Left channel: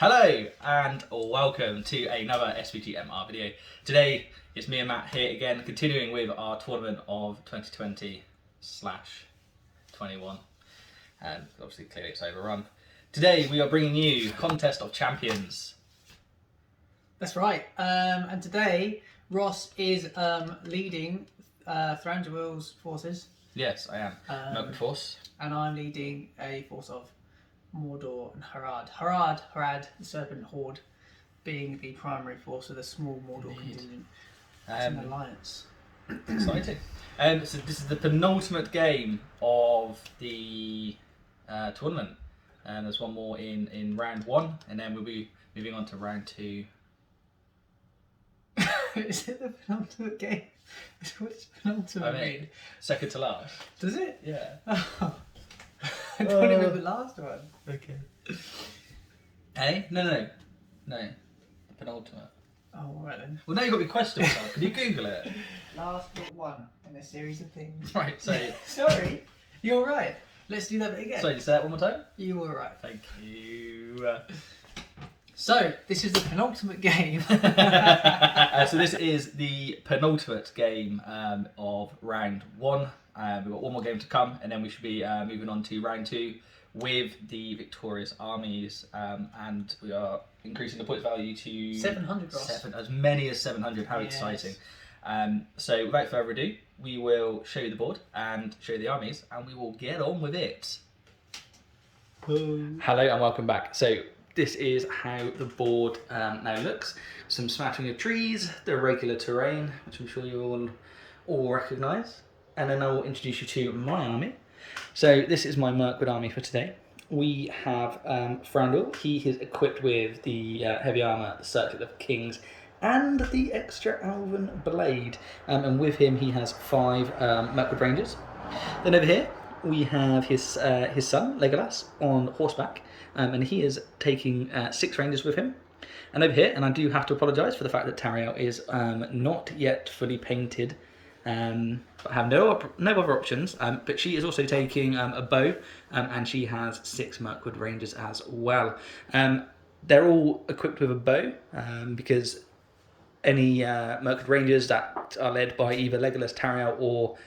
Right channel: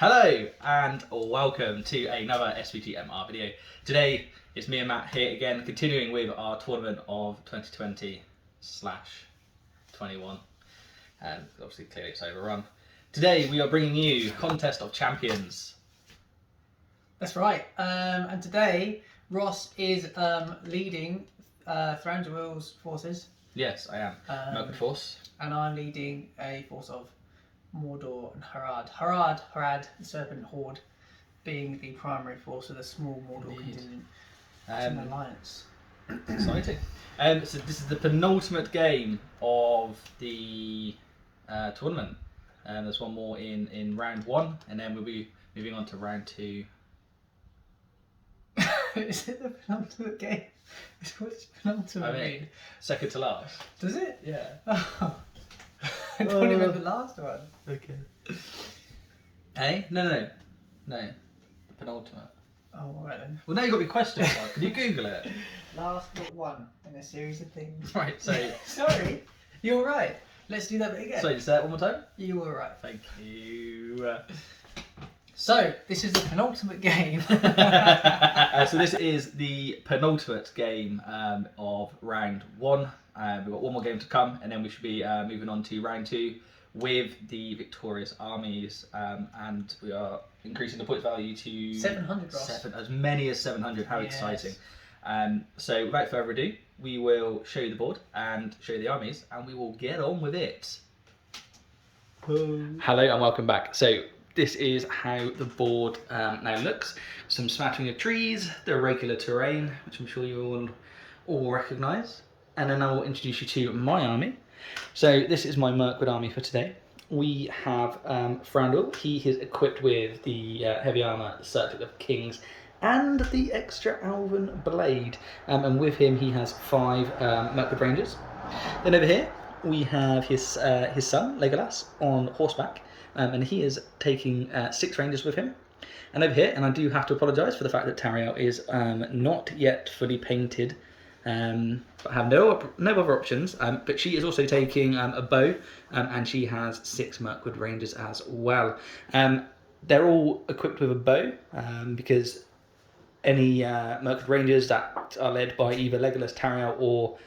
Hello and welcome to another SVGMR video. Today it's me and Matt here again, continuing with our tournament of 2020/21. Obviously, clearly it's overrun. Today we are bringing you Contest of Champions. That's right. And today Ross is leading Thranduil's forces. Yes, I am. Mirkwood force. And I'm leading a force of Mordor and Harad. Harad, the Serpent Horde, being the primary force of the small Mordor contingent. It's an alliance. Exciting. So this is the penultimate game of the tournament. There's one more in round one, and then we'll be moving on to round two. Is it the penultimate game? What's penultimate mean? Second to last. Does it? Yeah. Oh. I don't even the last one. Okay. Hey? No. The penultimate. Oh, alright then. Well, now you've got your question, so can you Google it? Last but one in a series of things. Right, so... Sorry, you're right. Let's do that bit again. So, you say that one more time? You were right. Thank you. So, this is the penultimate game. So this is the penultimate game of round one. We've got one more game to come, and then we should be moving on to round two with the victorious armies, and we are increasing the points value to 700, Ross. as many as 700. How exciting! So without further ado, we will show you the board and show you the armies, and we will get on with it. Hello and welcome back. So this is how the board now looks. Some smattering of trees, the regular terrain, which I'm sure you all recognise. And then I will introduce you to my army. So this is my Mirkwood army for today. We have Thranduil. He is equipped with the heavy armour, the Circlet of Kings, and the extra Elven Blade. And with him, he has 5 Mirkwood Rangers. Then over here, we have his son, Legolas, on horseback. And he is taking 6 Rangers with him. And over here, and I do have to apologise for the fact that Thranduil is not yet fully painted. But have no other options, but she is also taking a bow, and she has 6 Mirkwood Rangers as well. They're all equipped with a bow, because any Mirkwood Rangers that are led by either Legolas, Thranduil or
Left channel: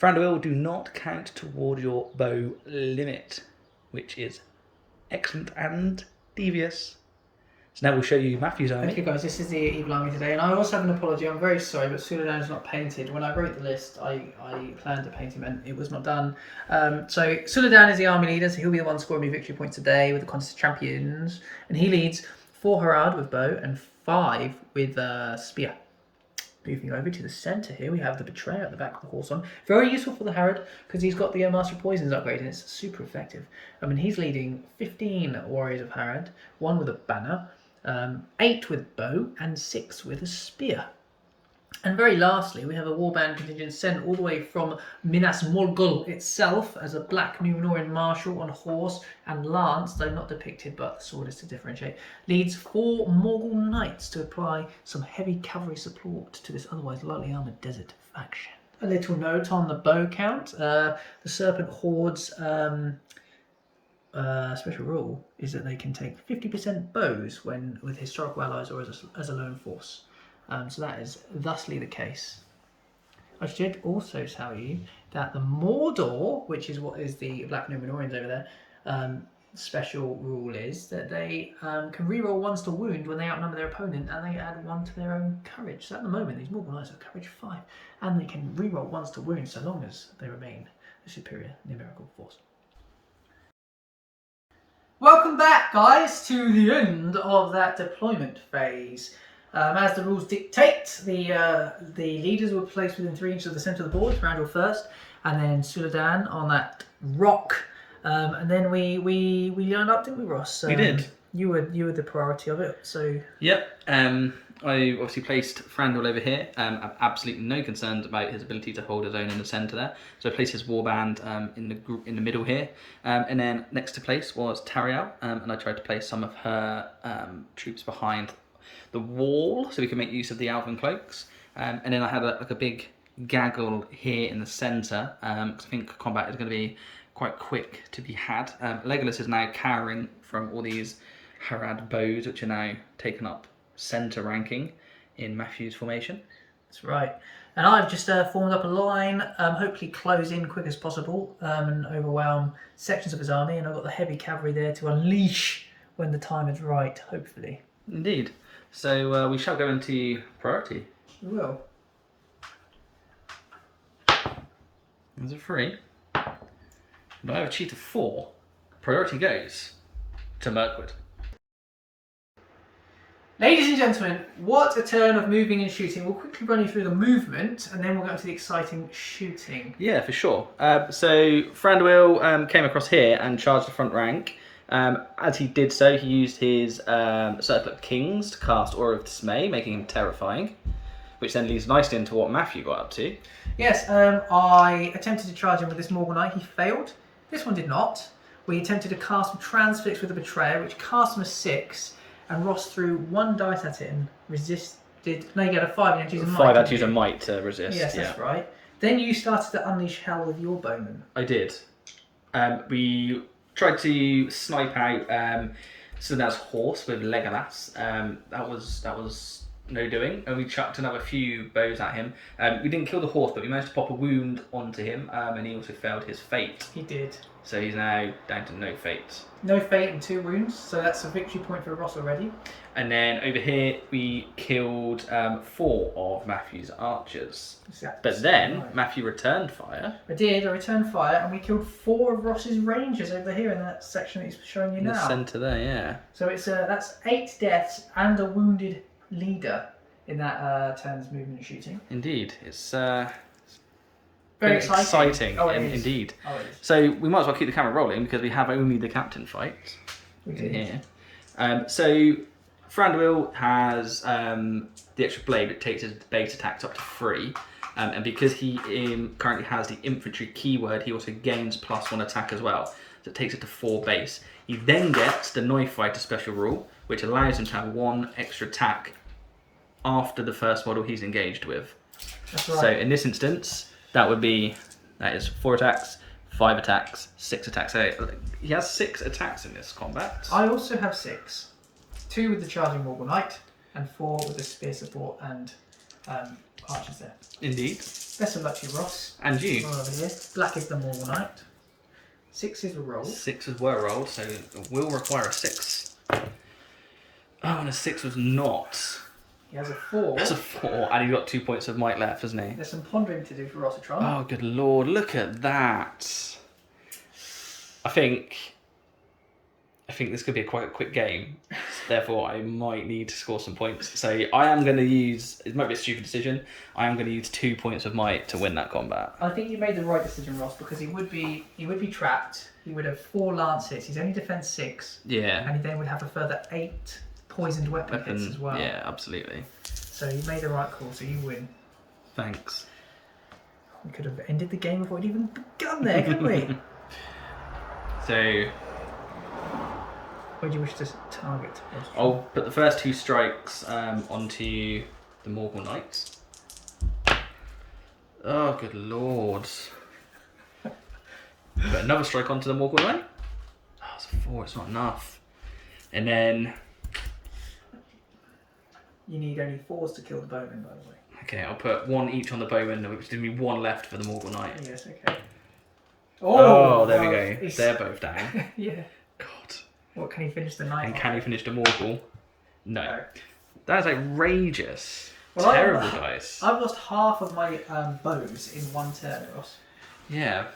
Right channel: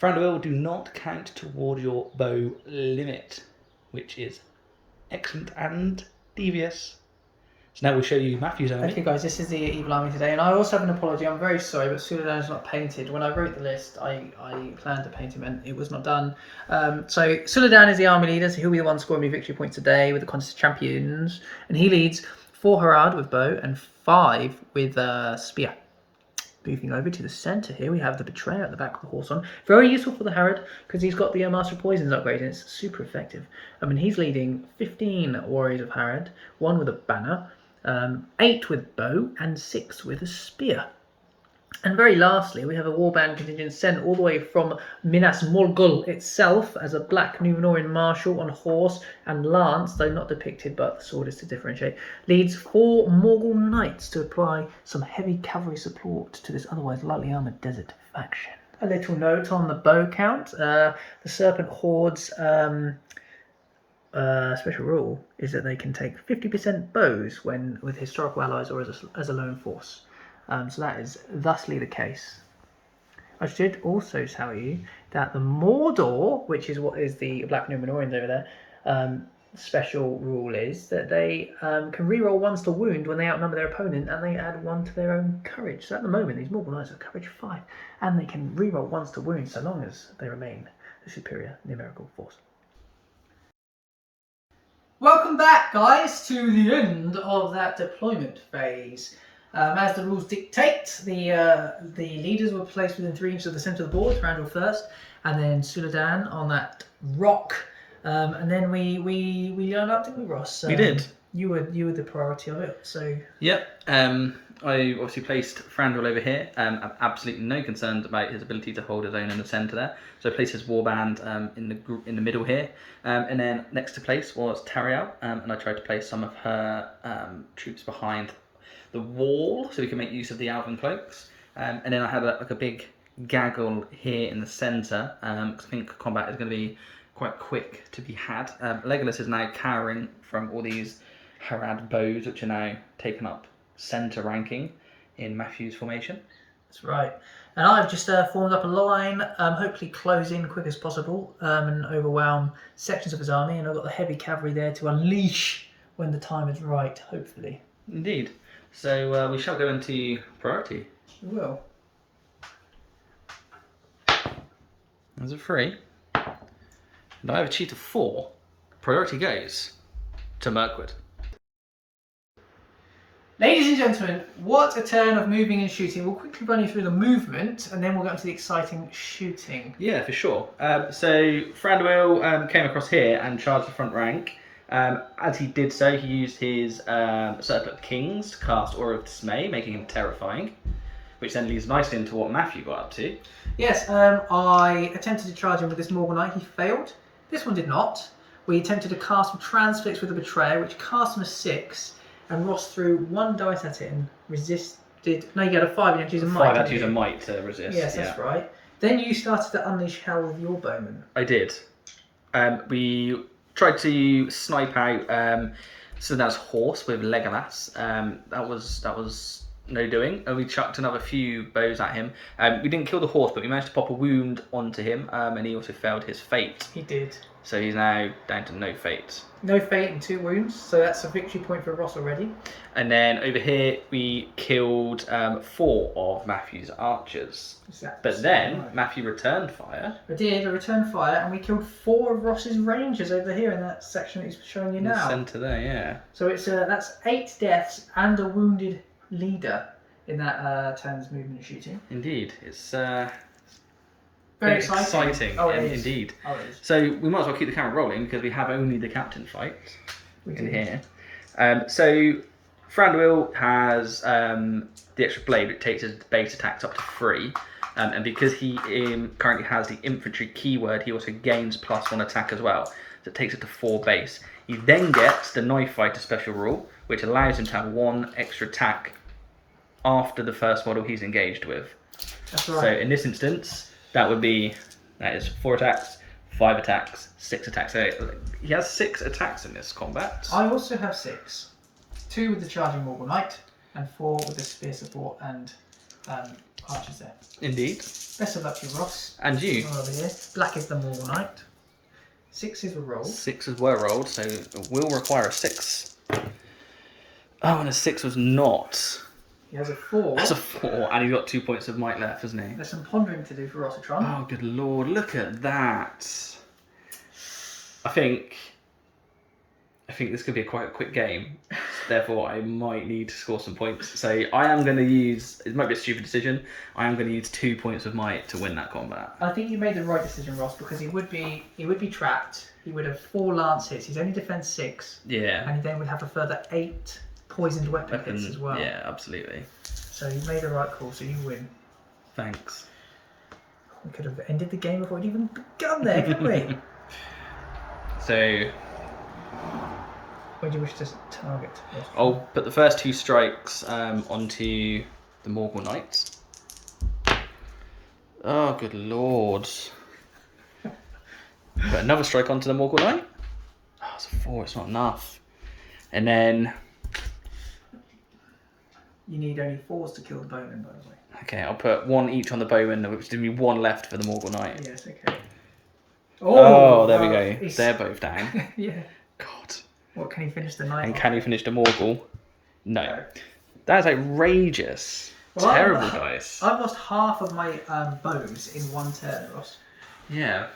Thranduil do not count toward your bow limit, which is excellent and devious. So now we'll show you Matthew's army. Okay guys, this is the evil army today, and I also have an apology. I'm very sorry, but Suladan is not painted. When I wrote the list, I planned to paint him and it was not done. So Suladan is the army leader, so he'll be the one scoring me victory points today with the Contest of Champions. And he leads 4 Harad with bow and 5 with spear. Moving over to the centre here, we have the Betrayer at the back of the horse on. Very useful for the Harad, because he's got the Master of Poisons upgrade, and it's super effective. I mean, he's leading 15 warriors of Harad, 1 with a banner, 8 with bow, and 6 with a spear. And very lastly, we have a warband contingent sent all the way from Minas Morgul itself as a black Numenorean marshal on horse and lance, though not depicted, but the sword is to differentiate, leads 4 Morgul knights to apply some heavy cavalry support to this otherwise lightly armoured desert faction. A little note on the bow count. The Serpent Horde's special rule is that they can take 50% bows when with historical allies or as a lone force. So that is thusly the case. I should also tell you that the Mordor, which is what is the Black Numenoreans over there, special rule is that they can reroll 1s to wound when they outnumber their opponent, and they add 1 to their own courage. So at the moment, these Morgul Knights have courage 5, and they can reroll 1s to wound so long as they remain the superior numerical force. Welcome back, guys, to the end of that deployment phase. As the rules dictate, the leaders were placed within 3 inches of the centre of the board, Thranduil first, and then Suladan on that rock. And then we lined up, didn't we, Ross? We did. You were the priority of it, so... Yep. I obviously placed Thranduil over here. I have absolutely no concerns about his ability to hold his own in the centre there. So I placed his warband in the middle here. And then next to place was Thranduil, and I tried to place some of her troops behind the wall so we can make use of the Elven cloaks. And then I had a big gaggle here in the centre, because I think combat is going to be quite quick to be had. Legolas is now cowering from all these Harad bows, which are now taken up centre ranking in Matthew's formation. That's right. And I've just formed up a line, hopefully close in quick as possible and overwhelm sections of his army. And I've got the heavy cavalry there to unleash when the time is right, hopefully. Indeed. So we shall go into priority. We will. There's a 3. And I have achieved a 4. Priority goes to Mirkwood. Ladies and gentlemen, what a turn of moving and shooting. We'll quickly run you through the movement and then we'll get into the exciting shooting. Yeah, for sure. So Thranduil came across here and charged the front rank. As he did so, he used his Circle of Kings to cast Aura of Dismay, making him terrifying, which then leads nicely into what Matthew got up to. Yes, I attempted to charge him with this Morganite. He failed. This one did not. We attempted to cast Transfix with the Betrayer, which cast him a 6, and Ross threw 1 dice at it and resisted. No, you got a 5. You had to use a might. 5 had to use a might to resist. Yes, that's right. Then you started to unleash hell with your bowman. I did. We tried to snipe out Suladan's horse with Legolas. That was no doing, and we chucked another few bows at him. We didn't kill the horse, but we managed to pop a wound onto him, and he also failed his fate. He did. So he's now down to no fate. No fate and 2 wounds, so that's a victory point for Ross already. And then over here, we killed 4 of Matthew's archers. But then Matthew returned fire. I did. I returned fire, and we killed 4 of Ross's rangers over here in that section that he's showing you In now. the centre there, yeah. So it's that's 8 deaths and a wounded leader in that turn's movement and shooting. Indeed, it's Very exciting. Oh, it is. Indeed. Oh, it is. So we might as well keep the camera rolling because we have only the captain fight in here. So Thranduil has the extra blade, which takes his base attacks up to 3. And because he currently has the infantry keyword, he also gains +1 attack as well. So it takes it to 4 base. He then gets the knife fighter special rule, which allows him to have 1 extra attack after the first model he's engaged with. That's right. So in this instance, that is 4 attacks, 5 attacks, 6 attacks. So he has 6 attacks in this combat. I also have 6. 2 with the charging Morganite, and 4 with the spear support and archers there. Indeed. Best of luck to you, Ross. And you. Roll over here. Black is the Morganite. 6 is a roll. 6s were rolled, so it will require a 6. Oh, and a 6 was not. He has a 4. That's a 4, and he's got 2 points of might left, hasn't he? There's some pondering to do for Rossitron. Oh, good lord, look at that. I think this could be quite a quick game. Therefore, I might need to score some points. So I am going to use, it might be a stupid decision, I am going to use 2 points of might to win that combat. I think you made the right decision, Ross, because he would be trapped. He would have 4 lance hits. He's only defense 6. Yeah. And he then would have a further 8 poisoned weapon hits as well. Yeah, absolutely. So you made the right call, so you win. Thanks. We could have ended the game before it even begun there, couldn't we? So where do you wish to target? Ross? I'll put the first 2 strikes onto the Morgul Knights. Oh, good lord. Put another strike onto the Morgul Knight. Oh, it's a 4, it's not enough. And then... You need only 4s to kill the bowman, by the way. Okay, I'll put 1 each on the bowman, which gives me 1 left for the Morgul Knight. Yes, okay. Oh, there we go. They're both down. Yeah. God. What, can he finish the knight? And can he finish the Morgul? No. That is outrageous. Well, Terrible dice. I've lost half of my bows in 1 turn, Ross. Yeah.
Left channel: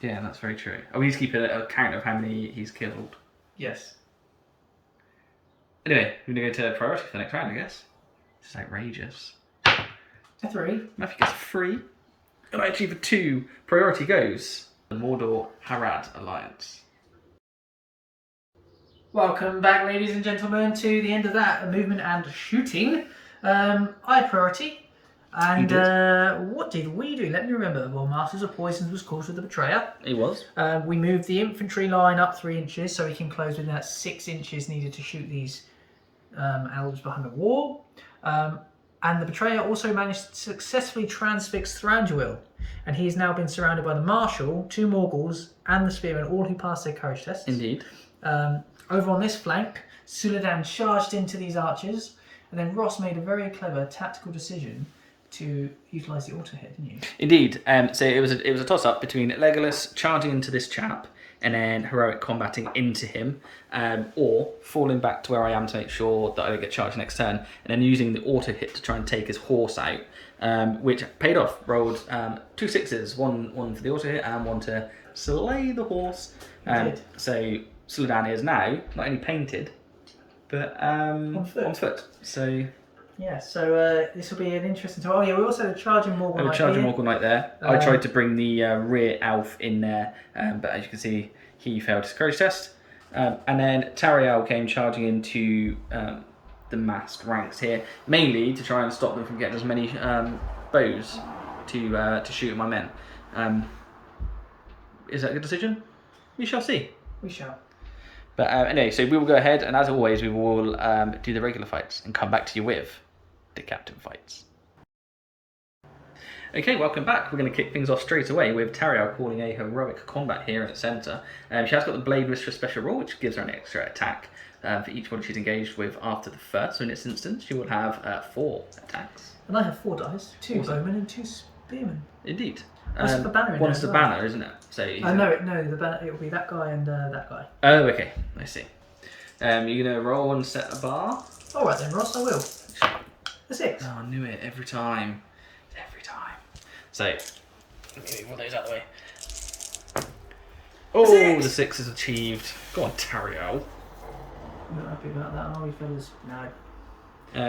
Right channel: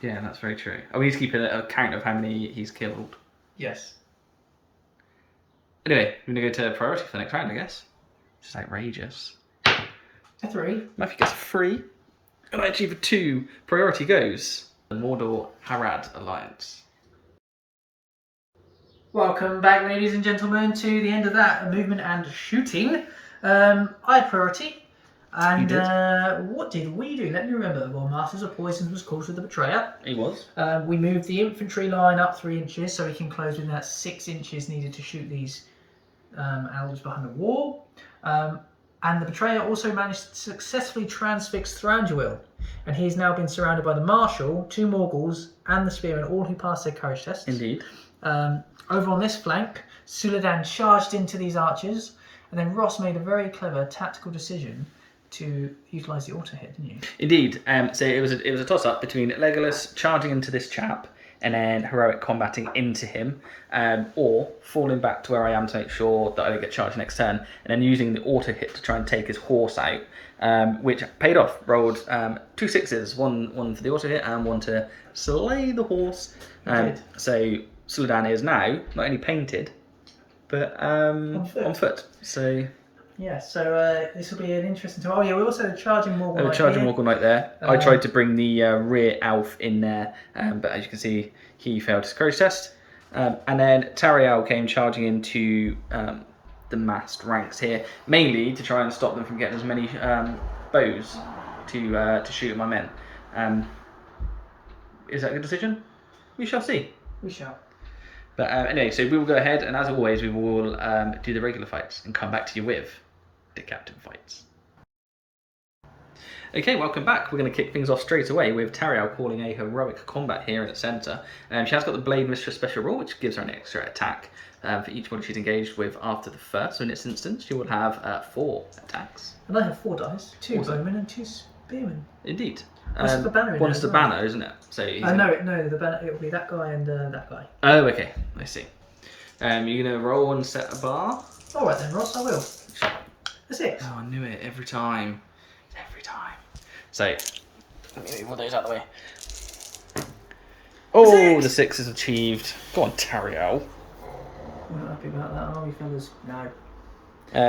Yeah, that's very true. Oh, we need to keep a count of how many he's killed. Yes. Anyway, we're going to go to priority for the next round, I guess. It's outrageous. A 3. Matthew gets 3. And I achieve a 2. Priority goes the Mordor Harad Alliance. Welcome back, ladies and gentlemen, to the end of that movement and shooting. I had priority. And what did we do? Let me remember. Well, Masters of Poisons was called to the Betrayer. He was. We moved the infantry line up 3 inches so he can close within that 6 inches needed to shoot these elves behind the wall. And the Betrayer also managed to successfully transfix Thranduil. And he has now been surrounded by the Marshal, 2 Morgals, and the Spearmen, all who passed their courage tests. Indeed. Over on this flank, Suladan charged into these archers, and then Ross made a very clever tactical decision to utilise the auto hit, didn't you? Indeed. So it was a toss up between Legolas charging into this chap and then heroic combating into him, or falling back to where I am to make sure that I don't get charged next turn, and then using the auto hit to try and take his horse out, which paid off. Rolled 2 6s, one for the auto hit and one to slay the horse. So Suladan is now not only painted, but on foot. So. Yeah, so this will be an interesting time. Oh yeah, we also had a charging Morgul Knight charging Morgul Knight there. I tried to bring the rear elf in there, but as you can see, he failed his courage test. And then Thranduil came charging into the massed ranks here, mainly to try and stop them from getting as many bows to shoot at my men. Is that a good decision? We shall see. We shall. But anyway, so we will go ahead, and as always, we will do the regular fights and come back to you with the captain fights. Okay, welcome back. We're going to kick things off straight away with Thranduil calling a heroic combat here in the centre. She has got the Blade Mistress special rule, which gives her an extra attack for each body she's engaged with after the first. So in this instance, she will have 4 attacks. And I have 4 dice, 2 bowmen and 2 spearmen. Indeed. What's the banner in one's there the as well? banner, isn't it? So no, the banner, it will be that guy and that guy. Oh, okay. I see. You're going to roll and set a bar? Alright then, Ross, I will. A 6. Oh, I knew it every time. Every time. So, let me move all those out of the way. Oh, the 6 is achieved. Go on, Thranduil. We're not happy about that, are we, fellas? No.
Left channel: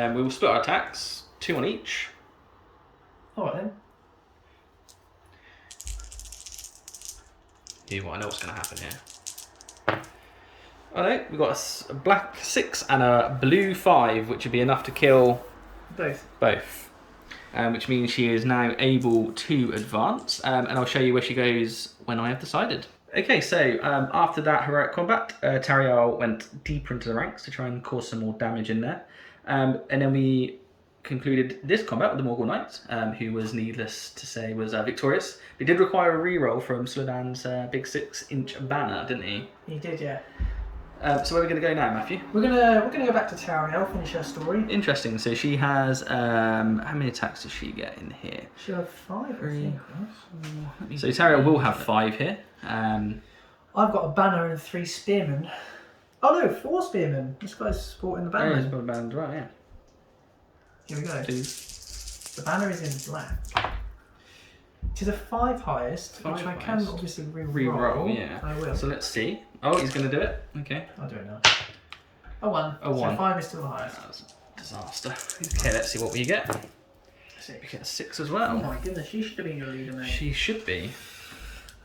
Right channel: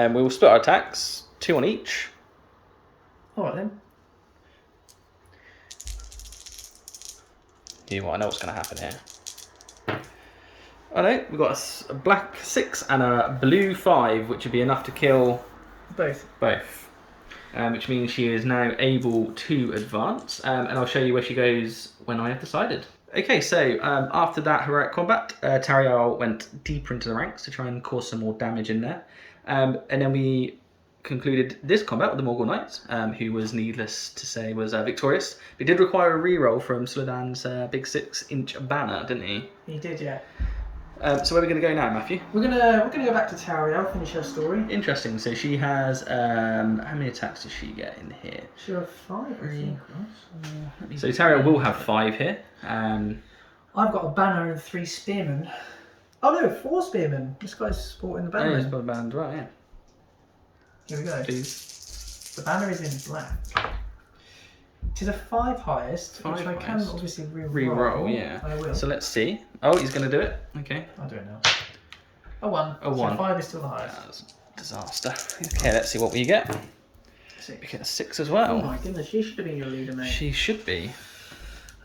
We will split our attacks, 2 on each. Alright then. You know what, I know what's going to happen here. Oh no, we've got a black 6 and a blue 5, which would be enough to kill both. Which means she is now able to advance, and I'll show you where she goes when I have decided. Okay, so after that heroic combat, Thranduil went deeper into the ranks to try and cause some more damage in there. And then we concluded this combat with the Morgul Knight, who was, needless to say, was victorious. He did require a reroll from Suladan's big 6-inch banner, didn't he? He did, yeah. So where are we going to go now, Matthew? We're gonna go back to Thranduil, finish her story. Interesting. So she has how many attacks does she get in here? She'll have 5, I think. Ross. So Thranduil will have 5 here. I've got a banner and 3 spearmen. Oh no, 4 spearmen. This guy's sporting the banner. Oh, he's got the banner as well, yeah. Here we go. Please. The banner is in black. It is a 5 highest, which I can obviously re-roll. Yeah. I will. So let's see. Oh, he's going to do it. Okay. I'll do it now. A 1. A 1. So 5 is still the highest. That was a disaster. Okay, let's see what we get. 6. We get a 6 as well. Oh my goodness, she should have been your leader, mate. She should be.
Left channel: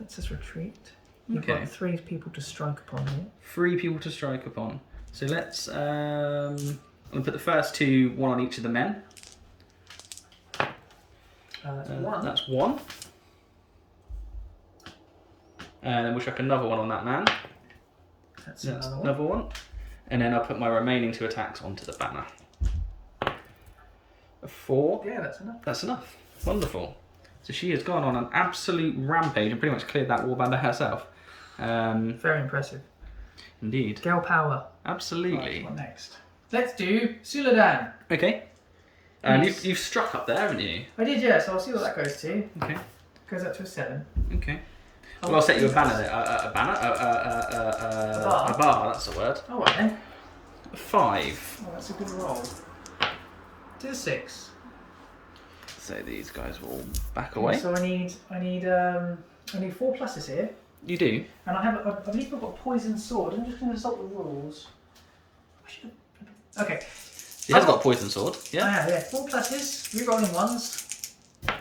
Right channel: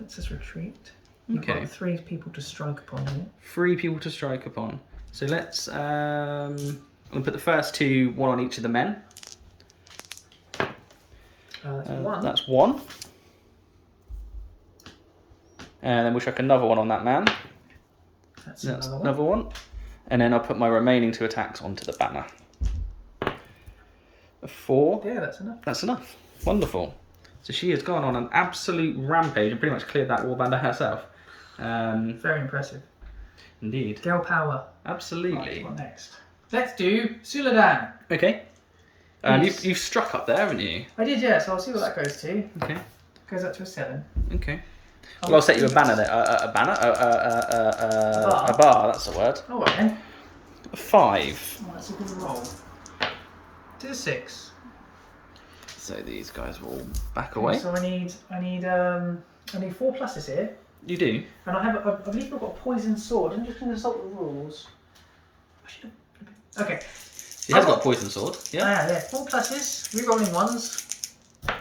Let's just retreat. You've got 3 people to strike upon here. 3 people to strike upon. So let's I'm going to put the first 2, 1 on each of the men. That's 1. That's 1. And then we'll chuck another 1 on that man. That's another one. And then I'll put my remaining 2 attacks onto the banner. A 4. Yeah, that's enough. That's enough. Wonderful. So she has gone on an absolute rampage and pretty much cleared that warband herself. Very impressive. Indeed. Girl power. Absolutely. Right, what next? Let's do Suladan. Okay. And you've struck up there, haven't you? I did, yeah, so I'll see what that goes to. Okay. Goes up to a 7. Okay. Well, I'll set you a banner there. A banner? A bar, that's the word. Oh, right then. A 5. Oh, that's a good roll. To the 6. So these guys will back away. So I need 4 pluses here. You do? And I believe I've got a poison sword. I'm just going to consult the rules. I should have... Okay. She has got a poison sword. Yeah. Yeah. 4 pluses. Rerolling 1s.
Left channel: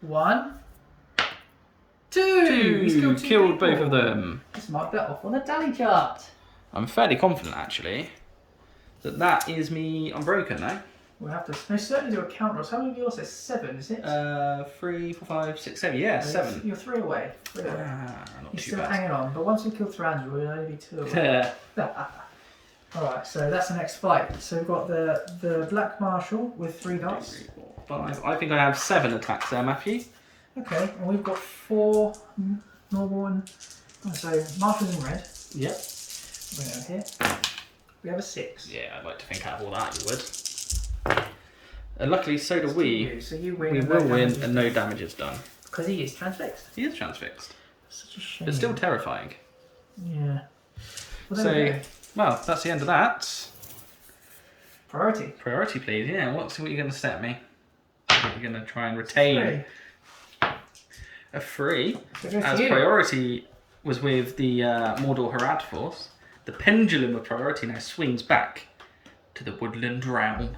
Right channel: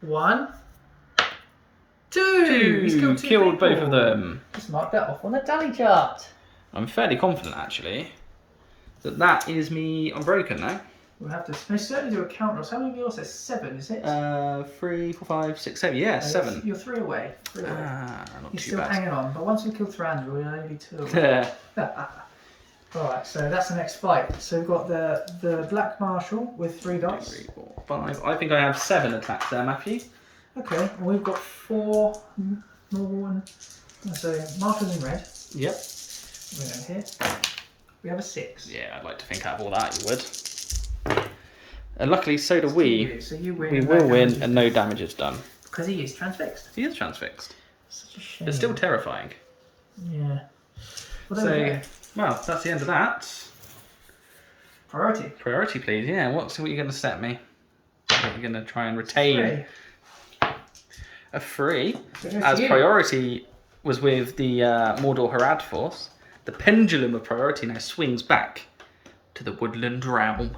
1. 2. He's killed 2 Killed people. both of them. Let's mark that off on the tally chart. I'm fairly confident, actually, that is me unbroken now. We'll have to certainly do a count roll. How many yours? It's 7, is it? 3, 4, 5, 6, 7. Yeah, 7. You're 3 away. 3 away. Not You're too still bad. hanging on, but once we kill Thranduil, we'll only be 2 away. Alright, so that's the next fight. So we've got the Black Marshal with 3 dice. 3, 4, 5. I think I have 7 attacks there, Matthew. Okay, and we've got 4 normal one. So Marshal's in red. Yep. Bring it over here. We have a 6. Yeah, I'd like to think out of all that you would. And luckily, so do we. So you win. We will win and no damage is done. Because he is transfixed. He is transfixed. Such a shame. But still terrifying. Yeah. Well, there we go. Well, that's the end of that. Priority. Priority, please. Yeah, what are you going to set me? You're going to try and retain a 3. As priority was with the Mordor Harad force, the pendulum of priority now swings back to the woodland realm.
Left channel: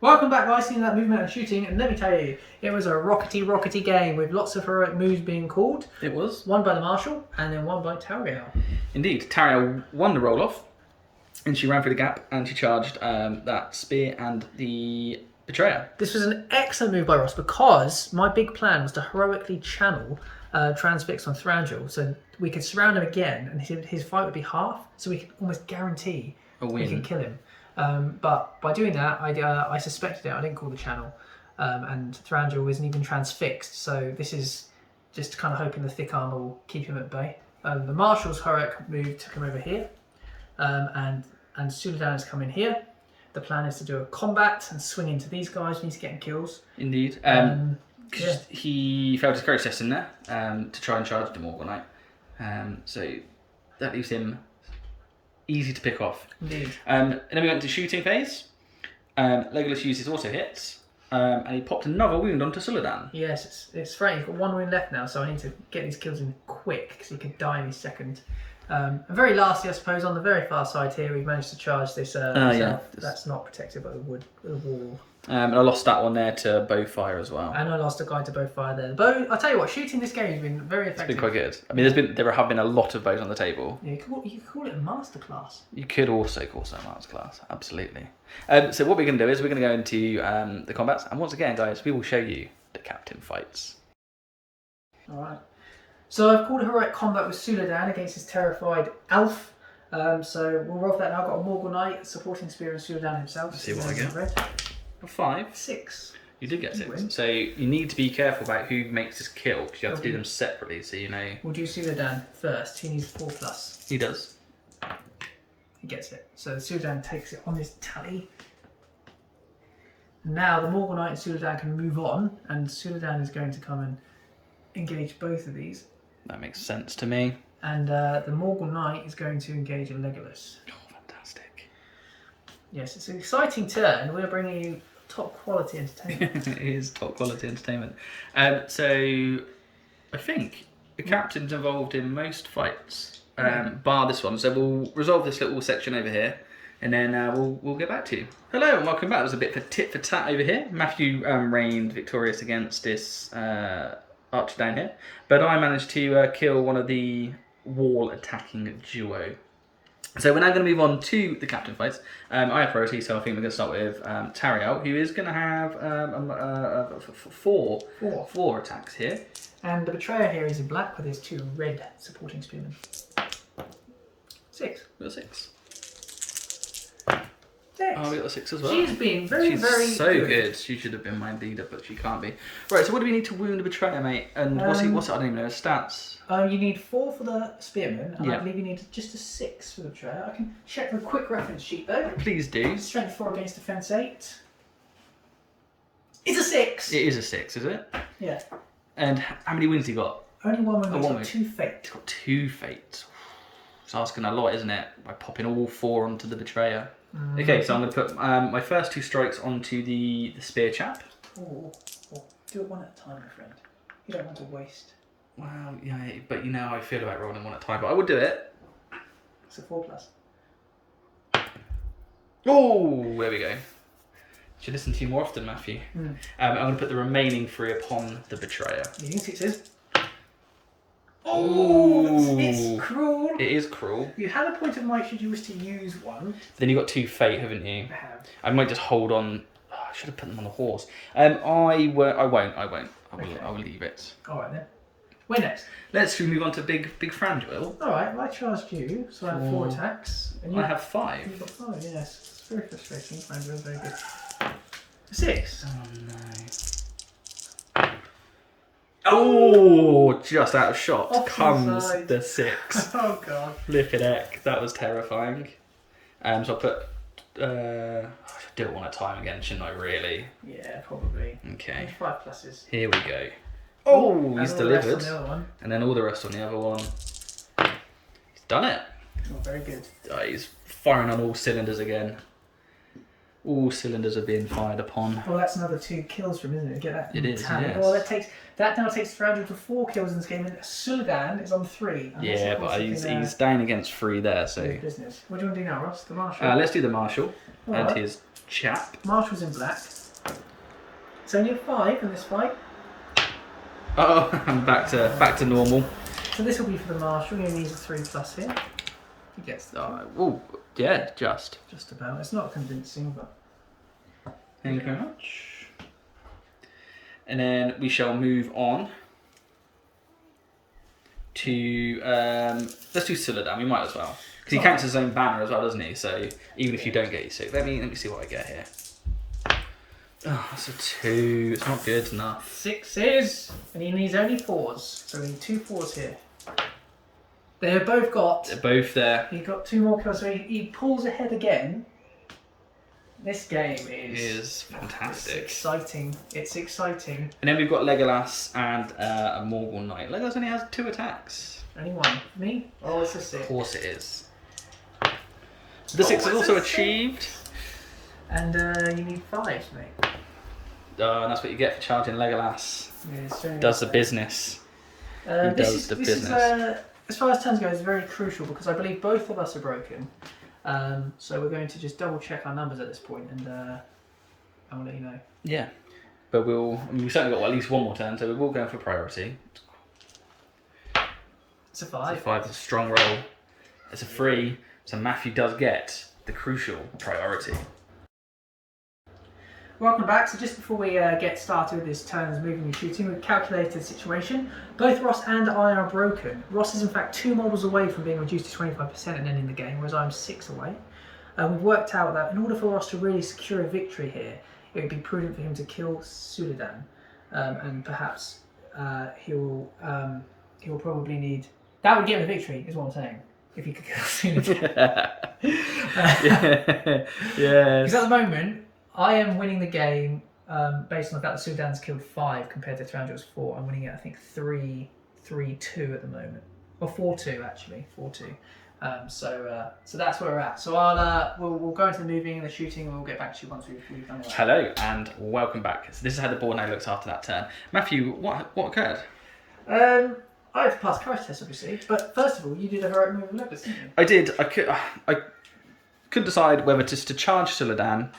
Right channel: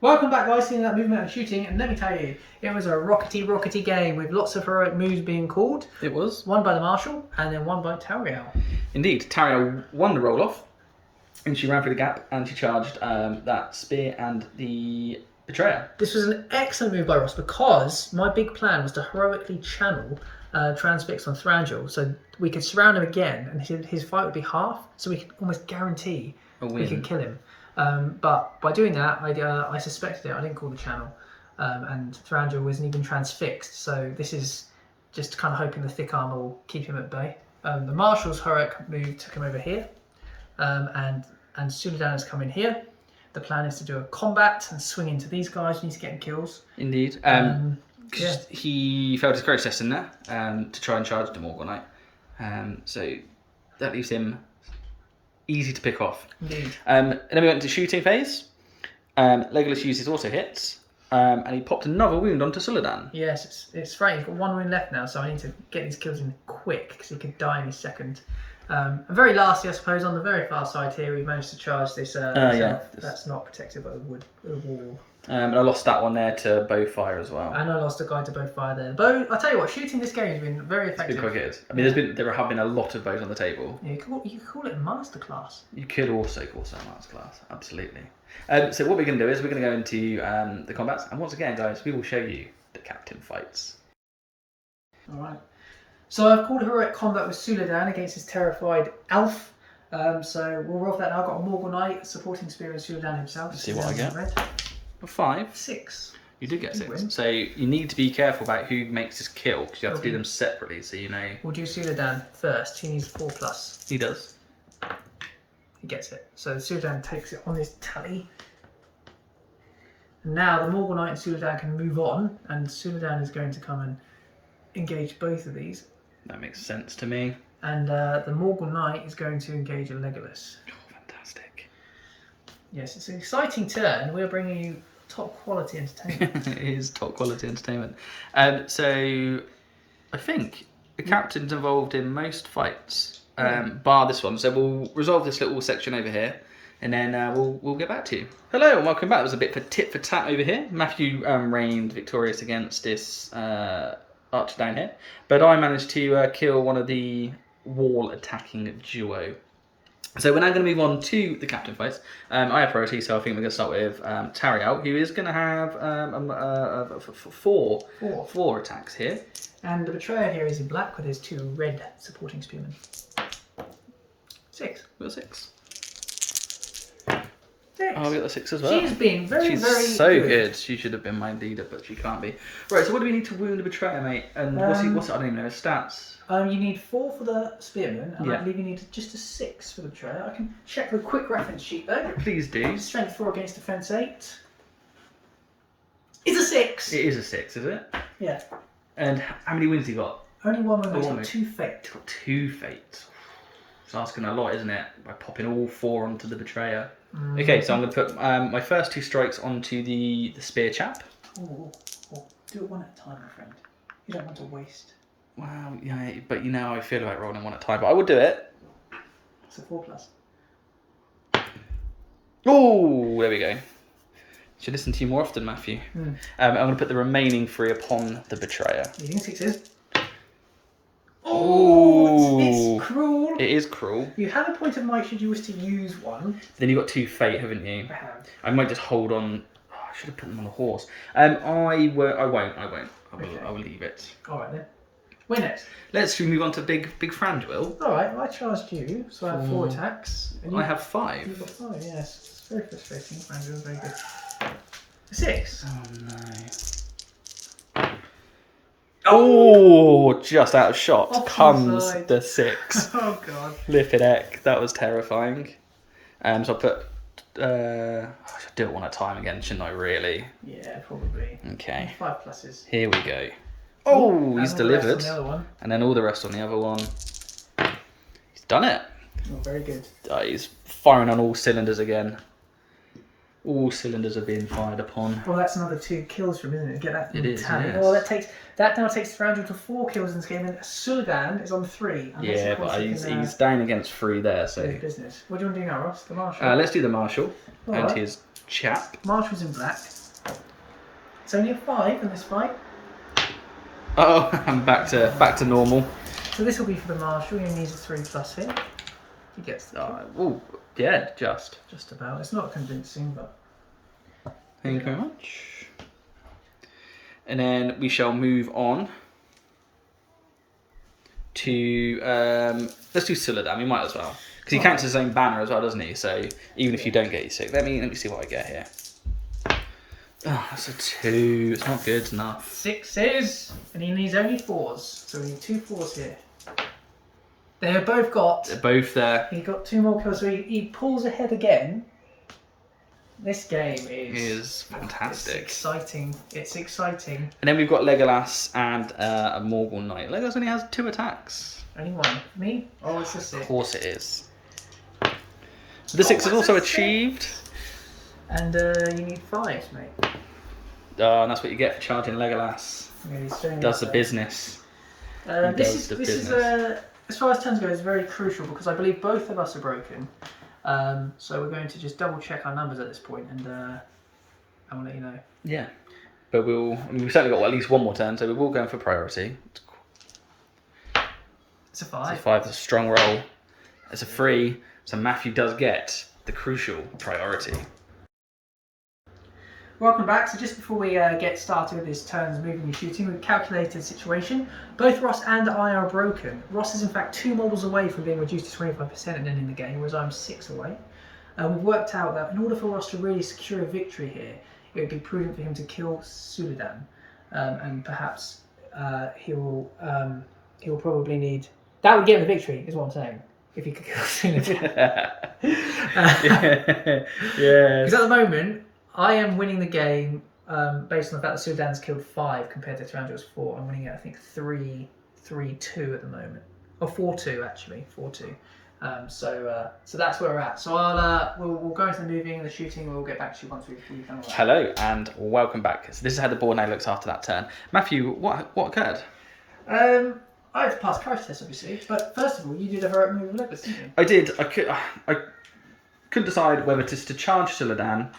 Welcome back, guys, seeing that movement and shooting, and let me tell you, it was a rockety game with lots of heroic moves being called. It was. One by the Marshal, and then one by Thranduil. Indeed. Thranduil won the roll-off, and she ran through the gap, and she charged that spear and the Betrayer. This was an excellent move by Ross, because my big plan was to heroically channel Transfix on Thranduil, so we could surround him again, and his fight would be half, so we could almost guarantee we could kill him. But by doing that, I suspected it. I didn't call the channel, and Thranduil isn't even transfixed. So this is just kind of hoping the thick armor will keep him at bay. The Marshal's heroic move took him over here, and Suladan has come in here. The plan is to do a combat and swing into these guys. We need to get him kills. Indeed. Yeah. He failed his process in there to try and charge the Morgulite. So that leaves him easy to pick off. Indeed. And then we went to shooting phase. Legolas uses auto hits, and he popped another wound onto Suladan. Yes, it's right. He's got 1 wound left now, so I need to get these kills in quick because he could die any second. And very lastly, I suppose, on the very far side here, we managed to charge this. That's not protected by the wall. And I lost that one there to Bowfire as well. And I lost a guy to Bowfire there. Bow, I'll tell you what, shooting this game has been very effective. It's been quite good. I mean, there have been a lot of bows on the table. Yeah, you could call it a masterclass. You could also call it a masterclass, absolutely. So what we're going to do is we're going to go into the combats, and once again, guys, we will show you the captain fights. All right. So I've called a heroic combat with Suladan against his terrified elf. So we'll roll for that now. I've got a Morgul Knight, supporting spear of Suladan himself. Let's see what I get. Red. A 5. 6. You did get 6. So you need to be careful about who makes this kill, because you have to do them separately, so you know. We'll do Suladan first. He needs 4+. He does. He gets it. So Suladan takes it on his tally. Now the Morgul Knight and Suladan can move on, and Suladan is going to come and engage both of these. That makes sense to me. And the Morgul Knight is going to engage a Legolas. Oh, fantastic. Yes, it's an exciting turn. We're bringing you top quality entertainment. It is top quality entertainment. So I think the captain's involved in most fights, bar this one. So we'll resolve this little section over here, and then we'll get back to you. Hello and welcome back. There's a bit for tit for tat over here. Matthew reigned victorious against this archer down here, but I managed to kill one of the wall attacking duo. So we're now going to move on to the captain fights. I have priority, so I think we're going to start with Thranduil, who is going to have four attacks here. And the Betrayer here is in black with his 2 red supporting spearmen. 6. We've got 6. 6. Oh, we got the 6 as well. She's been very so good. She should have been my leader, but she can't be. Right, so what do we need to wound the Betrayer, mate? And what's it? I don't even know his stats. You need 4 for the spearman, and Yeah. I believe you need just a 6 for the Betrayer. I can check the quick reference sheet though. Please do. Strength 4 against defense 8. It's a 6. It is a 6, is it? Yeah. And how many wins he got? Only 1 win. one He's win. got 2 fate. He's got 2 fates. It's asking a lot, isn't it? By popping all 4 onto the Betrayer. Okay, so I'm going to put my first 2 strikes onto the spear chap. Oh, do it one at a time, my friend. You don't want to waste. Well, yeah, but you know how I feel about rolling 1 at a time. But I would do it. It's a 4+. Oh, there we go. Should listen to you more often, Matthew. Mm. I'm going to put the remaining 3 upon the Betrayer. Using 6s. Oh, it's cruel. It is cruel. You have a point of might should you wish to use one. Then you've got 2 fate, haven't you? I have. I might just hold on. Oh, I should have put them on the horse. I won't. I will leave it. All right then. Where next? Let's move on to big Thranduil. All right. Well, I charged you, so I have 4 attacks. And I have 5. You've got 5. Yes. It's very frustrating. Thranduil's very good. 6. Oh no. Oh, just out of shot Off to the comes side. the 6. Oh god. Flippin' heck, that was terrifying. So I'll put. I do it one at a time again, shouldn't I? Really? Yeah, probably. Okay. 5 pluses. Here we go. Oh, he's and all the rest on delivered. the other one. And then all the rest on the other one. He's done it. Oh, very good. He's firing on all cylinders again. All cylinders are being fired upon. Well, that's another 2 kills from, isn't it? Get that. It is, tally. yes. Well, that now takes Thranduil to 4 kills in this game, and Suladan is on 3. Unless, Yeah, of course, but he's down against 3 there, so. Business. What do you want to do now, Ross? The Marshal. Let's do the Marshal and Alright. his chap. Marshal's in black. It's only a 5 in this fight. Oh, I'm back to normal. So this will be for the Marshal. He only needs a 3+ here. He gets the Oh, yeah, just about. It's not convincing, but thank you very much. And then we shall move on to let's do Suladan. We might as well because he counts his own banner as well, doesn't he? So even if you don't get your 6, let me see what I get here. Oh, that's a 2. It's not good enough. 6s, and he needs only 4s. So we need 2 4s here. They've both got. They're both there. He got 2 more kills, so he pulls ahead again. This game Is fantastic. It's exciting. It's exciting. And then we've got Legolas and a Morgul Knight. Legolas only has 2 attacks. Only 1. Me? Oh, it's a 6. Of course it is. The 6 is also achieved. And you need 5s, mate. Oh, and that's what you get for charging Legolas. Yeah, he's showing Does the us, business. This the is business. as far as turns go, it's very crucial because I believe both of us are broken. So we're going to just double check our numbers at this point, and we'll let you know. Yeah. But we've certainly got at least 1 more turn, so we will go for priority. It's a 5. It's a 5, it's a strong roll. It's a 3, so Matthew does get the crucial priority. Welcome back. So just before we get started with this turns moving and shooting, we've calculated the situation. Both Ross and I are broken. Ross is in fact 2 models away from being reduced to 25% and ending the game, whereas I'm 6 away. We've worked out that in order for Ross to really secure a victory here, it would be prudent for him to kill Suladan, and perhaps he'll probably need. That would get him the victory, is what I'm saying. If he could kill Suladan. Yes. Because at the moment, I am winning the game based on the fact that Suladan's killed 5 compared to Thranduil's 4. I'm winning it, I think, 3-2 at the moment. Or 4-2, actually. 4-2. So that's where we're at. So we'll go into the moving and the shooting, and we'll get back to you once we've done all that. Hello, and welcome back. So this is how the board now looks after that turn. Matthew, what occurred? I had to pass courage test, obviously. But first of all, you did a heroic move of Legolas, didn't you? I did. I couldn't decide whether to charge Suladan.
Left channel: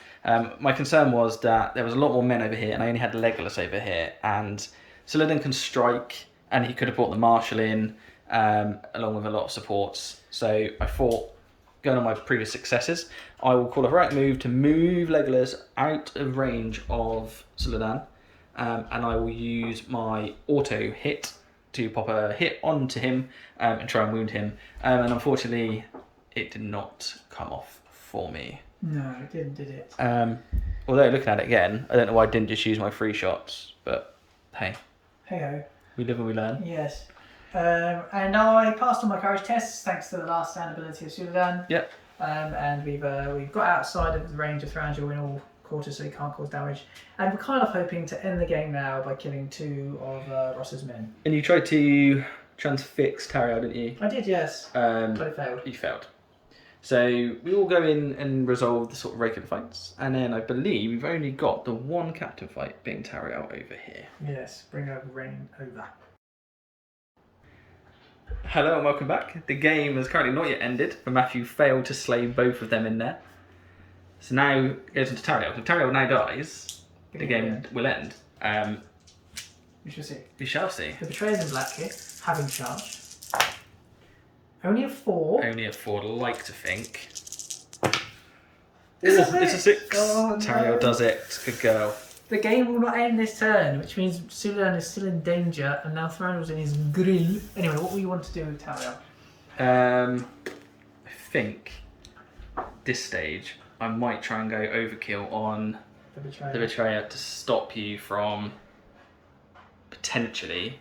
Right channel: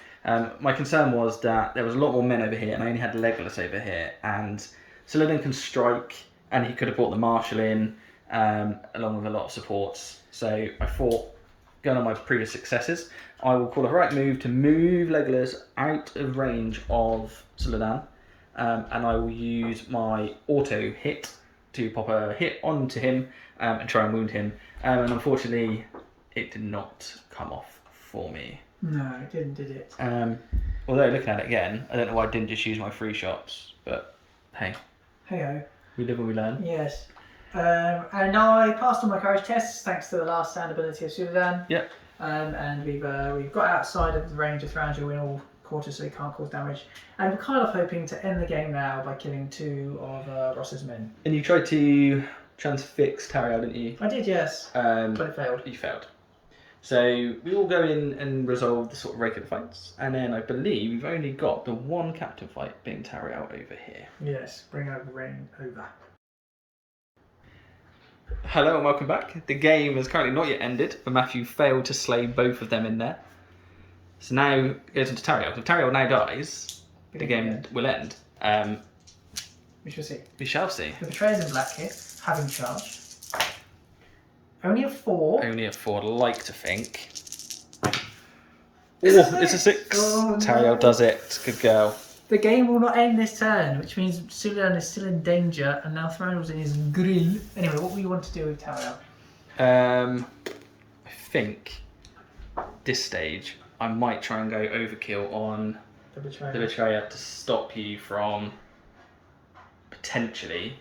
My concern was that there was a lot more men over here, and I only had Legolas over here. And Suladan can strike, and he could have brought the Marshal in, along with a lot of supports. So I thought, going on my previous successes, I will call a heroic move to move Legolas out of range of Suladan, and I will use my auto hit to pop a hit onto him and try and wound him. And unfortunately, it did not come off for me. No, it didn't, did it? Although looking at it again, I don't know why I didn't just use my 3 shots, but hey. Hey-ho. We live and we learn. Yes. And I passed all my courage tests thanks to the last stand ability of Suladan. Yep. And we've got outside of the range of Thranduil in all quarters, so he can't cause damage. And we're kind of hoping to end the game now by killing 2 of Ross's men. And you tried to transfix Thranduil, didn't you? I did, yes. But it failed. You failed. So we all go in and resolve the sort of regular fights, and then I believe we've only got the 1 captain fight being Thranduil over here. Yes, bring over rain over. Hello and welcome back. The game has currently not yet ended, but Matthew failed to slay both of them in there. So now it goes on to Thranduil. If Thranduil now dies, the game will end. We shall see. We shall see. The Betrayer's in black here, having charged. Only a 4. Only a 4, I'd like to think. Oh, it's a 6. Oh, Thranduil no. does it. Good girl. The game will not end this turn, which means Suladan is still in danger, and now Thranduil's in his grill. Anyway, what will you want to do with Thranduil? I think this stage I might try and go overkill on The Betrayer. the Betrayer to stop you from potentially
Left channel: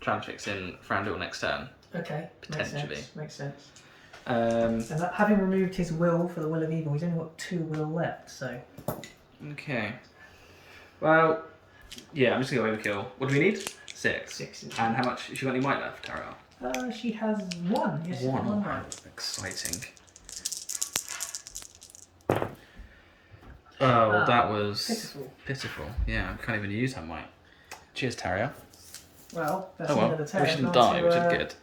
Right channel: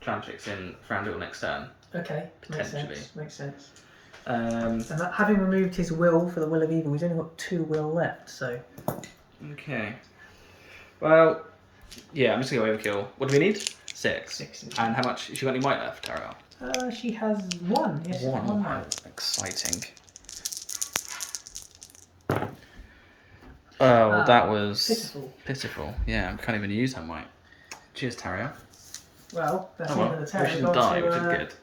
transfix in Thranduil next turn. Okay. Potentially. Makes sense. Um, And that, having removed his will for the will of evil, he's only got 2 will left. So. okay. Well, yeah, I'm just going to overkill. What do we need? 6. 6 is And how much? Has she got any might left, Tariel? She has 1. Yes, 1. 1 Wow, might. exciting. Oh, that was pitiful. Yeah, I can't even use her might. Cheers, Tariel. Well, that's Oh well, the we Terrier. shouldn't die, which is good.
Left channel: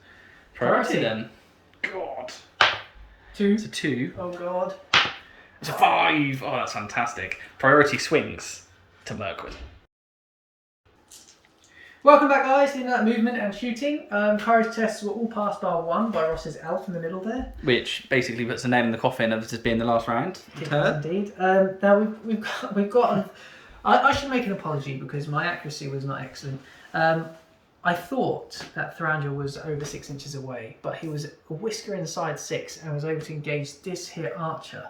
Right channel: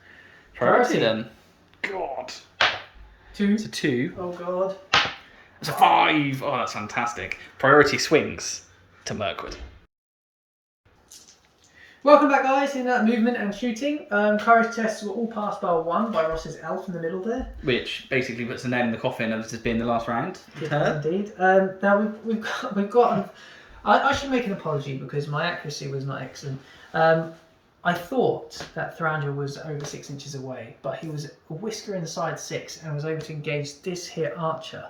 Priority then. God. 2. It's a 2. Oh god. It's a 5. Oh, that's fantastic. Priority swings to Mirkwood. Welcome back, guys. In that movement and shooting, courage tests were all passed by 1 by Ross's elf in the middle there. Which basically puts the nail in the coffin of this being the last round. It is indeed. Now we've got. I should make an apology because my accuracy was not excellent. I thought that Thranduil was over 6 inches away, but he was a whisker inside 6 and was able to engage this here archer.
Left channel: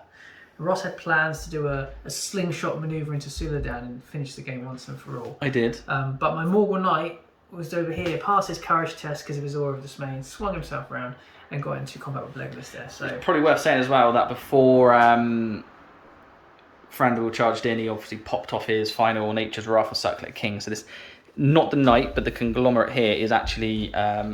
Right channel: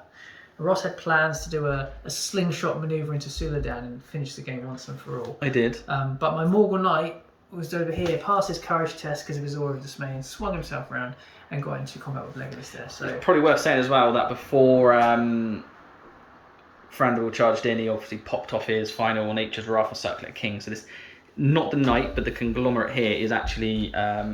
Ross had plans to do a slingshot manoeuvre into Suladan and finish the game once and for all. I did. But my Morgul Knight was over here, passed his courage test because of his aura of dismay, and swung himself around and got into combat with Legolas there. So It's probably worth saying as well that before Thranduil charged in, he obviously popped off his final Nature's Wrath of Circlet King. So this, not the knight, but the conglomerate here is actually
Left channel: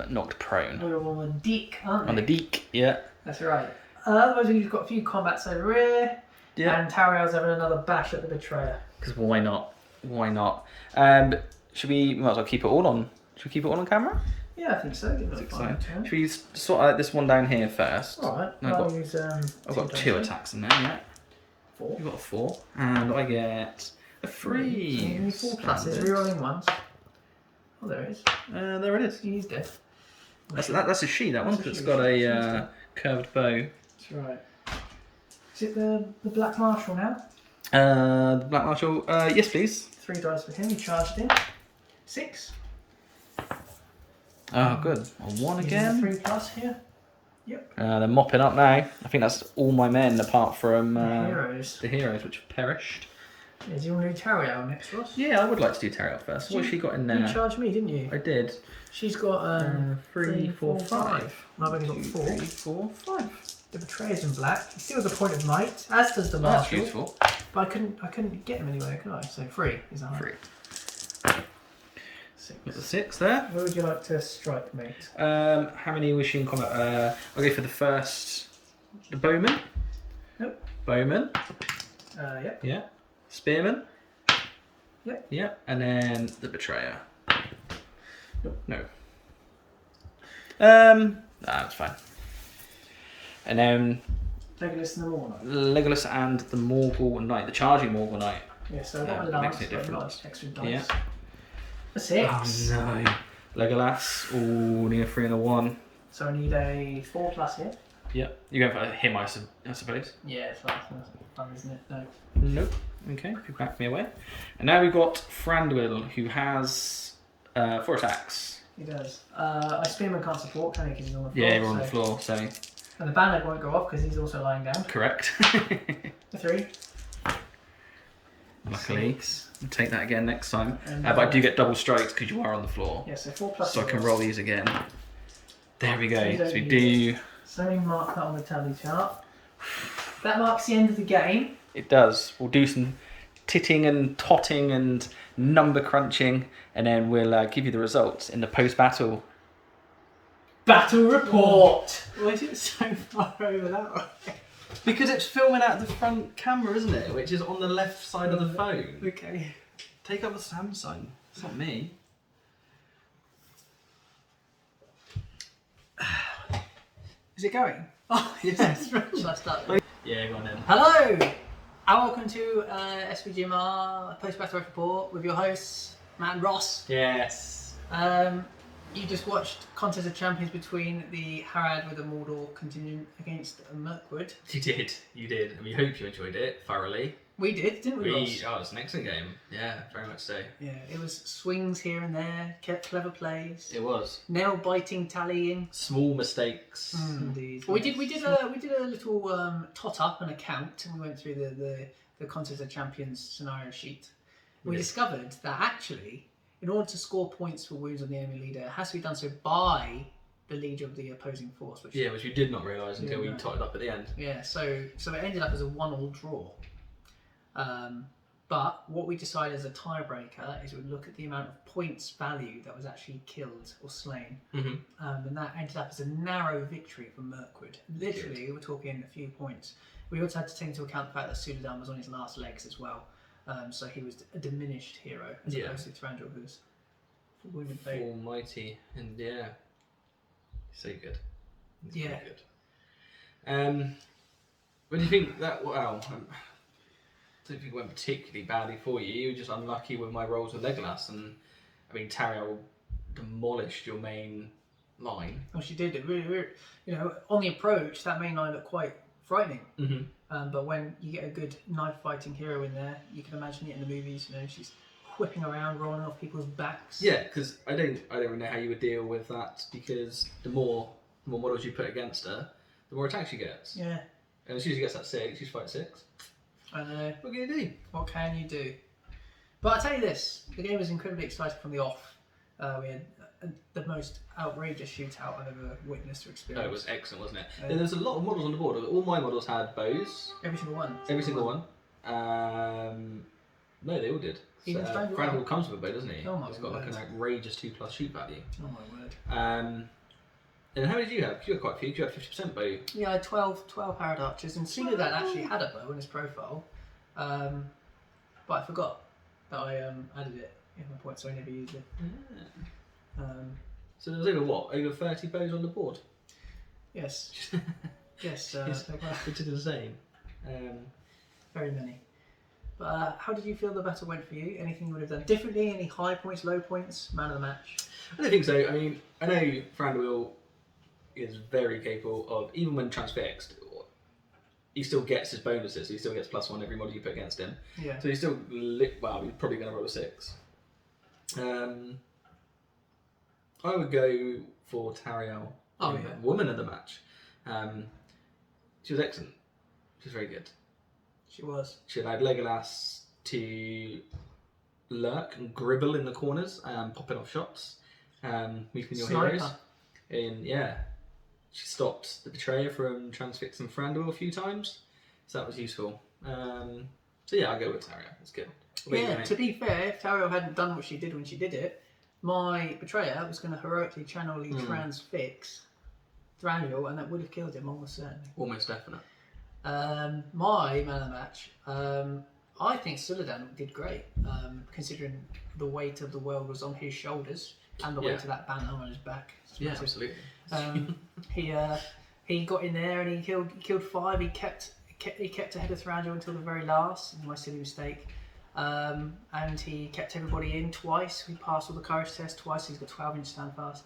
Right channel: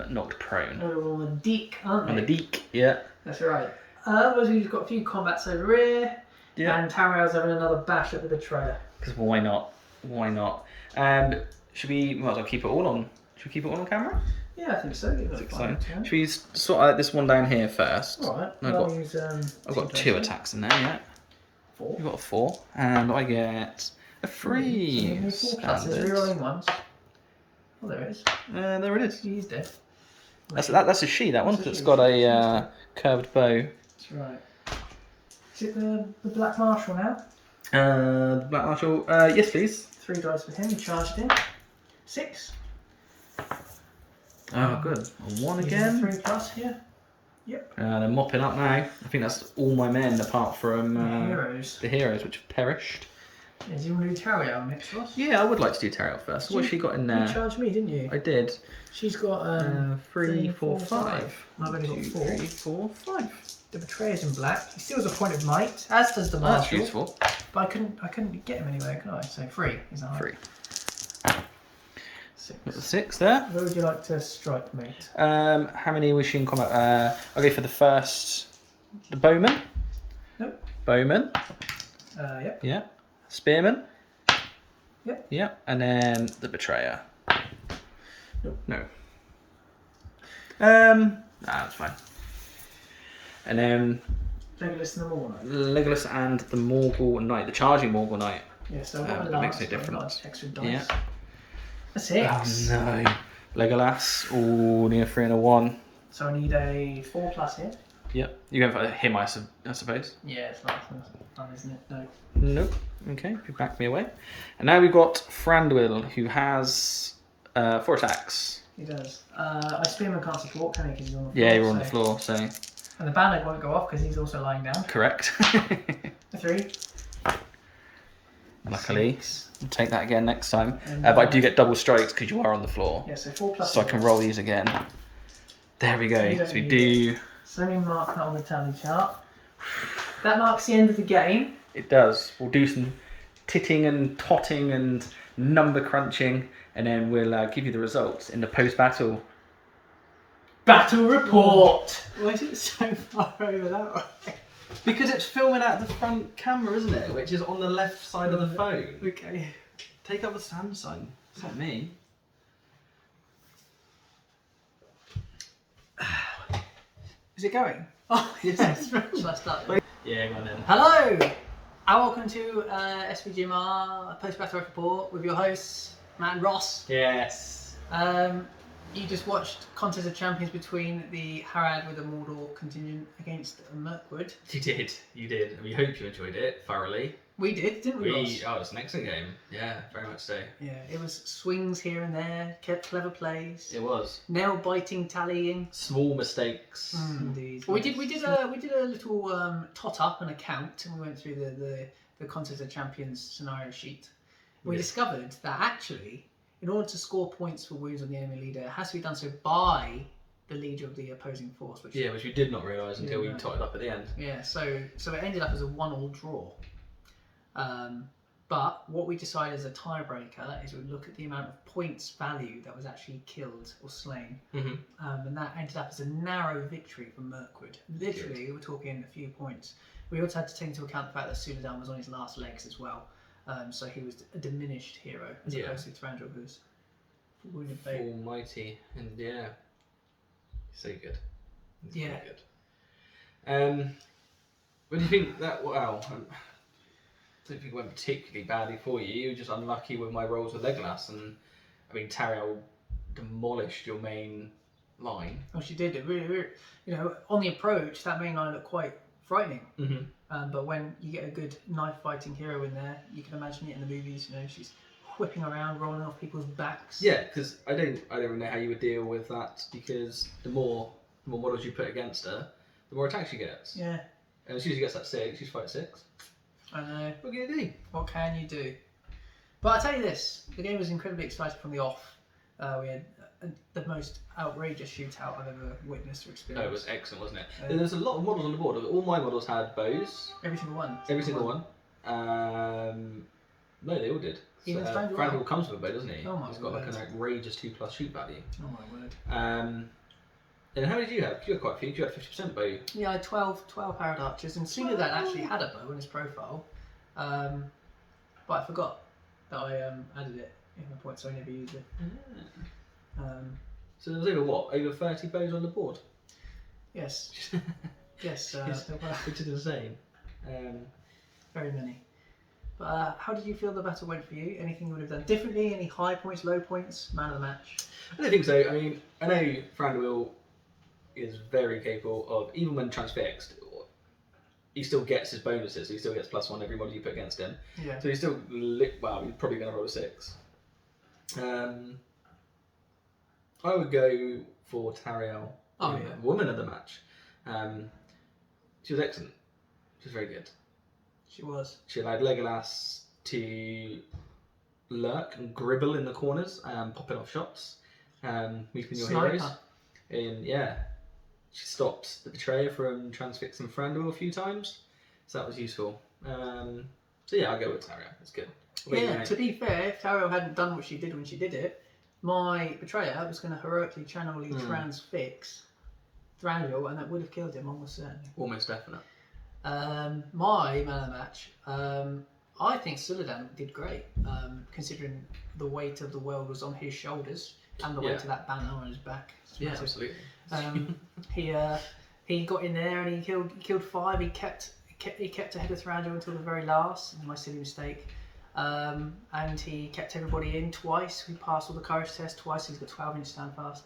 knocked prone. over on the deek, aren't they? On the deek, yeah. That's right. Otherwise, we've got a few combats over here. Yeah. And Tariel's having another bash at the Betrayer. Because why not? Why not? Should we might as well keep it all on? Should we keep it all on camera? Yeah, I think so. That's exciting. Should we sort out this one down here first? Alright. I've got 2 attacks in there, yeah. 4. You've got a 4. And I get a 3. So 4 pluses, rerolling ones. Oh, there it is. There it is. He's dead. That's a she, that one. It's got a curved bow. That's right. Is it the Black Marshal now? The Black Marshal, yes please. 3 dice for him. He charged in. 6. Oh, good. A 1 again. 3 plus here. Yep. They're mopping up now. I think that's all my men apart from Heroes. the heroes, which have perished. Yeah, do you want to do Tariel next, Ross? Yeah, I would like to do Tariel first. What's she got in there? You charged me, didn't you? I did. She's got 3, 4, 5. I've only got 2, 4. 3, 4, 5. The Betrayer's in black. He still has a point of might, as does the Oh, that's Marshal. useful. But I couldn't get him anywhere, could I? So 3 is that 3. 6. Got the 6 there. Where would you like to strike, mate? How many was she in combat? I'll go for the first. The bowman. Nope. Bowman. Yep. Yeah. Spearman. Yep. Yep. And then the betrayer. Nope. No. That's fine. And then Legolas and the Morgul Knight. Legolas and the Morgul Knight, the charging Morgul Knight. Yeah, so I've got my That makes lance, no but I've got difference. extra dice. Yeah. A 6. Oh no. Legolas. Oh, need a 3 and a 1. So I need a 4 plus here. Yep. You're going for him, I suppose. Yeah, it's fun, isn't it? No. Nope. Okay, if you back me away. And now we've got Thranduil, who has 4 attacks. He does. I Spearman can't support, can he? Because he's on the floor. Yeah, you're on the floor, so. And the bandit won't go off because he's also lying down. Correct. A 3. Luckily. 6. We'll take that again next time. And, But I do get double strikes because you are on the floor. Yeah, so 4 plus. So I can roll these again. There we go. You So don't we need do. So let me mark that on the tally chart. That marks the end of the game. It does. We'll do some titting and totting and number crunching, and then we'll give you the results in the post-battle. Battle report! Why is it so far over that way? Because it's filming out the front camera, isn't it? Which is on the left side of the phone. Okay. Take up the stand sign. It's not me. Is it going? Oh, yes. Shall I start? Yeah, go on then. Hello! And welcome to SVGMR Post-Battle Report with your hosts, Matt and Ross. Yes. You just watched Contest of Champions between the Harad with the Mordor contingent against Mirkwood. You did. You did. And we hope you enjoyed it thoroughly. We did, didn't we, Ross? Oh, it's an excellent game. Yeah, very much so. Yeah, it was swings here and there, kept clever plays, It was. nail biting, tallying. Small mistakes. Indeed. Well, we did a little tot up and a count, and we went through the Contest of Champions scenario sheet. We Yes. discovered that actually in order to score points for wounds on the enemy leader, it has to be done so by the leader of the opposing force. Which we did not realise until we no. totted up at the end. Yeah, so it ended up as a 1-1 draw. But what we decided as a tiebreaker is we look at the amount of points value that was actually killed or slain. And that ended up as a narrow victory for Mirkwood. Literally, we're talking a few points. We also had to take into account the fact that Suladan was on his last legs as well. So he was a diminished hero as opposed to Thranduil, who's wounded fate. Almighty, and so good. He's Yeah. very good. When you think that, well, I don't think it went particularly badly for you. You were just unlucky with my rolls with Legolas, and I mean, Thranduil demolished your main line. Oh, she did. It really, on the approach, that main line looked quite frightening. But when you get a good knife fighting hero in there, you can imagine it in the movies. She's whipping around, rolling off people's backs. Yeah, because I don't really know how you would deal with that, because the more models you put against her, the more attacks she gets. Yeah. And as soon as she gets that 6, she's fight 6. I know. What can you do? What can you do? But I tell you this, the game was incredibly exciting from the off. We had the most outrageous shootout I've ever witnessed or experienced. Oh, it was excellent, wasn't it? And there's a lot of models on the board. All my models had bows. Every single one. Every single one. No, they all did. Even Thranduil comes with a bow, doesn't he? Oh my He's got word. like an outrageous 2+ shoot value. Oh my word. And how did you have? You had quite a few. You had 50% bow. Yeah, I had 12 Harad archers, and Suladan actually had a bow in his profile. But I forgot that I added it in my point, so I never used it. So there was over 30 bows on the board? Yes. Yes, Which is insane. very many. But how did you feel the battle went for you? Anything you would have done differently? Any high points, low points? Man of the match? I don't think so. I mean, I know Thranduil is very capable of, even when transfixed, he still gets his bonuses. He still gets +1 every model you put against him. Yeah. So he's still, he's probably going to roll a 6. I would go for Thranduil, woman of the match. She was excellent. She was very good. She was. She allowed Legolas to lurk and gribble in the corners, popping off shots, meeting your heroes. She stopped the betrayer from transfixing Thranduil a few times, so that was useful. I go with Thranduil. It's good. Yeah, to be fair, if Thranduil hadn't done what she did when she did it, my betrayer was going to heroically channelly transfix Thranduil, and that would have killed him almost certainly. Almost definite. My man of the match, I think Suladan did great, considering the weight of the world was on his shoulders and the weight of that banner on his back. Yeah, absolutely. He got in there and he killed 5. He kept ahead of Thranduil until the very last. My silly mistake. And he kept everybody in twice. We passed all the courage tests twice. He's got 12-inch stand fast.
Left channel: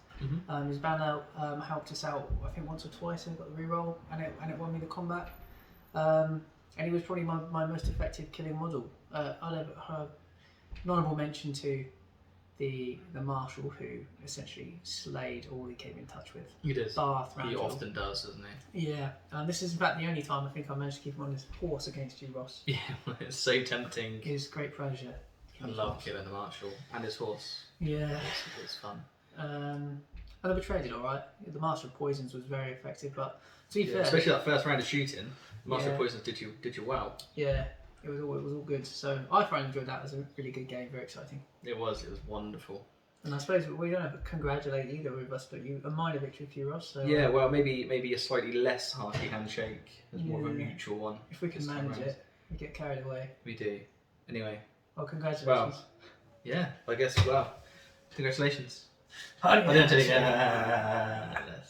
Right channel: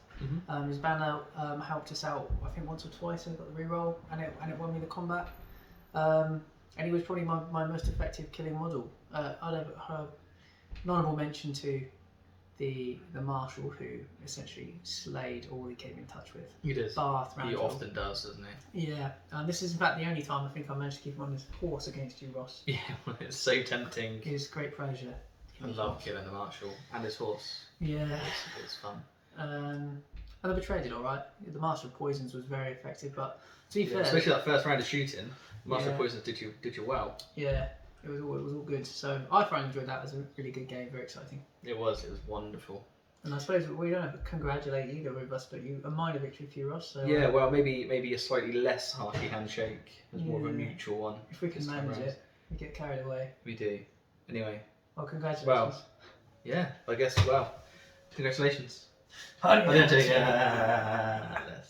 His banner helped us out, I think, once or twice. I got the reroll, and it won me the combat. And he was probably my most effective killing model. I'd have an honourable mention to the marshal who essentially slayed all he came in touch with. He does. Bar Thranduil. He often does, doesn't he? Yeah. This is in fact the only time I think I managed to keep him on his horse against you, Ross. Yeah, it's so tempting. It was great pleasure. I love killing the marshal and his horse. Yeah. It's fun. And the betrayer did alright. The Master of Poisons was very effective, but to be fair, especially that first round of shooting, the Master of Poisons did you well. Yeah, it was all good. So I thoroughly enjoyed that. It was a really good game, very exciting. It was wonderful. And I suppose we don't have to congratulate either of us, but a minor victory for you, Ross. So, well, maybe a slightly less hearty handshake. It's more of a mutual one. If we can manage it, we get carried away. We do. Anyway. Well, congratulations. Well, yeah, I guess. Well, congratulations. Oh, yeah. I didn't take it.